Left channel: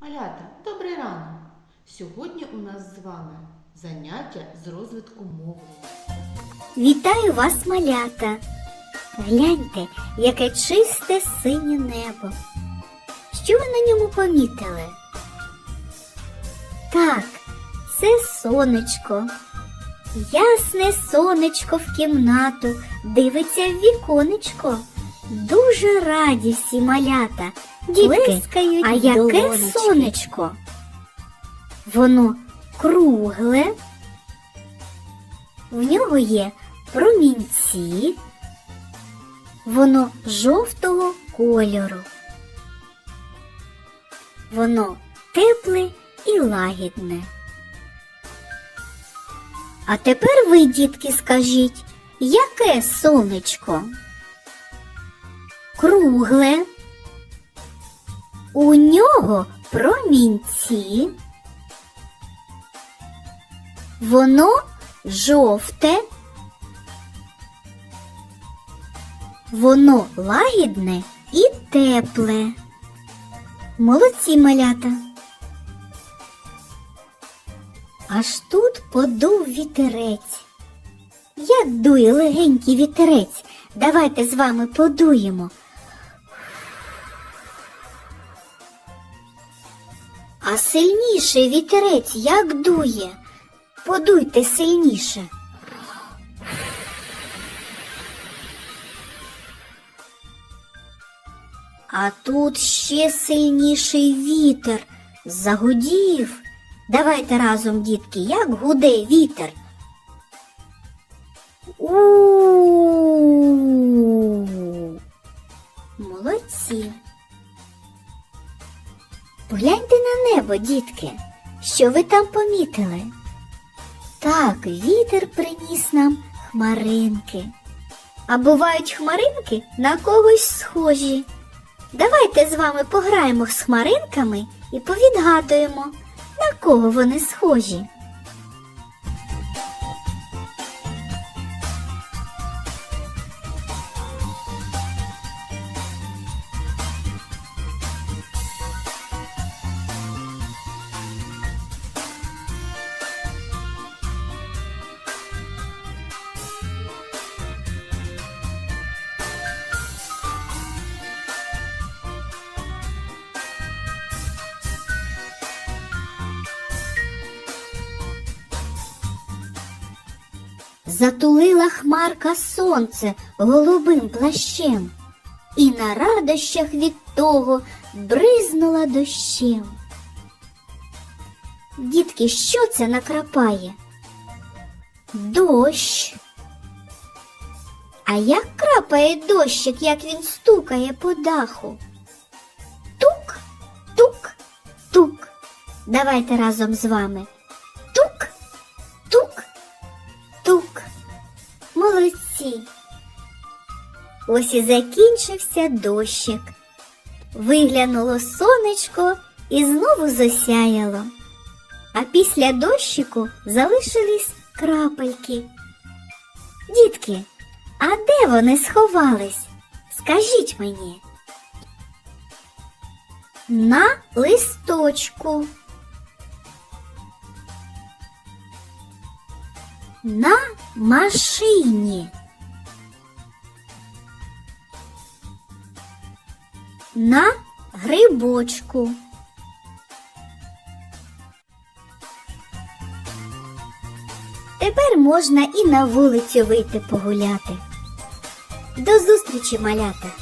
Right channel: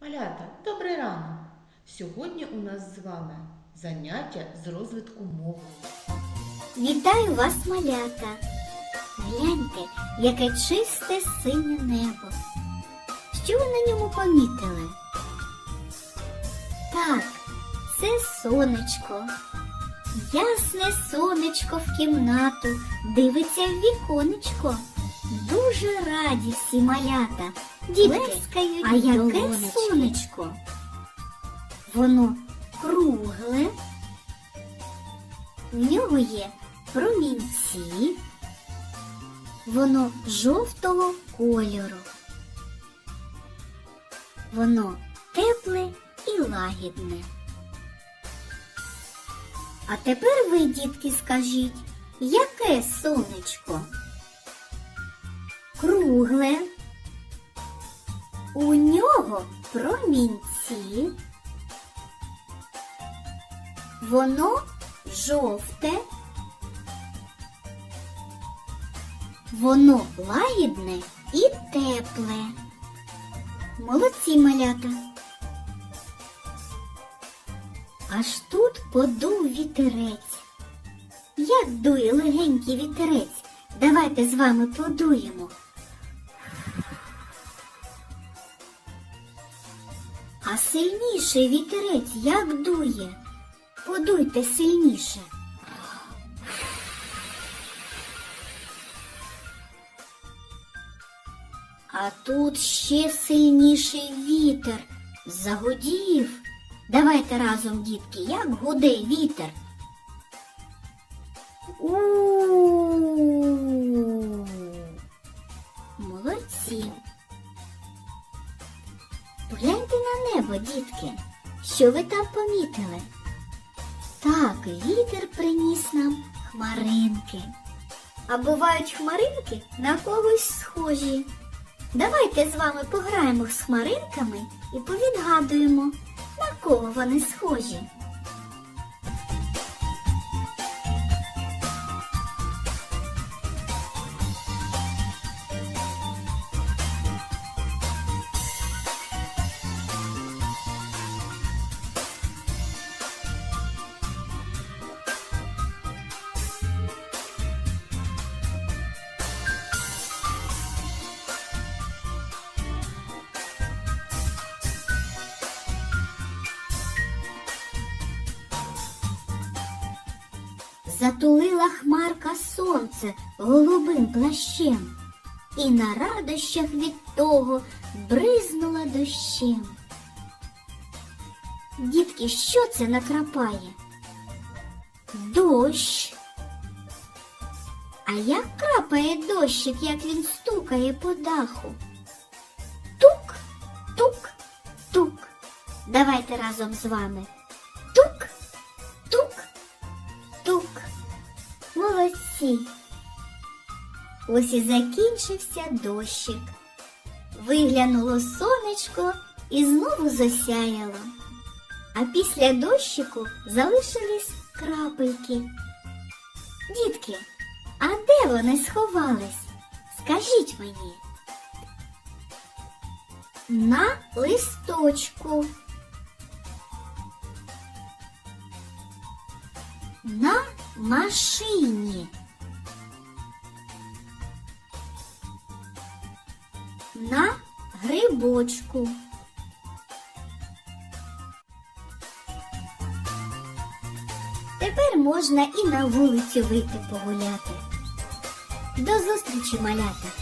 Малята, добрий ранок! Сьогодні у нас з вами заняття з розвитку мови. Вітаю вас, малята! Гляньте, яке чисте синє небо. Що ви на ньому помітили? Так, це сонечко. Ясне сонечко в кімнату дивиться в віконечко. Дуже раді всі малята. Дітки, а яке сонечко? Воно кругле, в нього є промінці, воно жовтого кольору. Воно тепле і лагідне. А тепер ви, дітки, скажіть, яке сонечко? Кругле. У нього промінці. Воно жовте. Воно лагідне і тепле. Молодці малята. Аж тут подув вітерець. Як дує легенький вітерець. Давайте з вами подуємо. А сильніше вітерець як дує? Подуйте сильніше. А тут ще сильніший вітер загудів. Давайте разом, дітки, як гуде вітер. у Молодці. Погляньте на небо, дітки. Що ви там помітили? Так, вітер приніс нам хмаринки. А бувають хмаринки на когось схожі. Давайте з вами пограємо з хмаринками і повідгадуємо, на кого вони схожі. Затулила хмарка сонце голубим плащем, і на радощах від того бризнула дощем. Дітки, що це накрапає? Дощ. А як крапає дощик, як він стукає по даху? Тук, тук, тук. Давайте разом з вами. Ось і закінчився дощик. Виглянуло сонечко і знову засяяло. А після дощику залишились крапельки. Дітки, а де вони сховались? Скажіть мені. На листочку. На машині. На грибочку. Тепер можна і на вулицю вийти погуляти. До зустрічі, малята!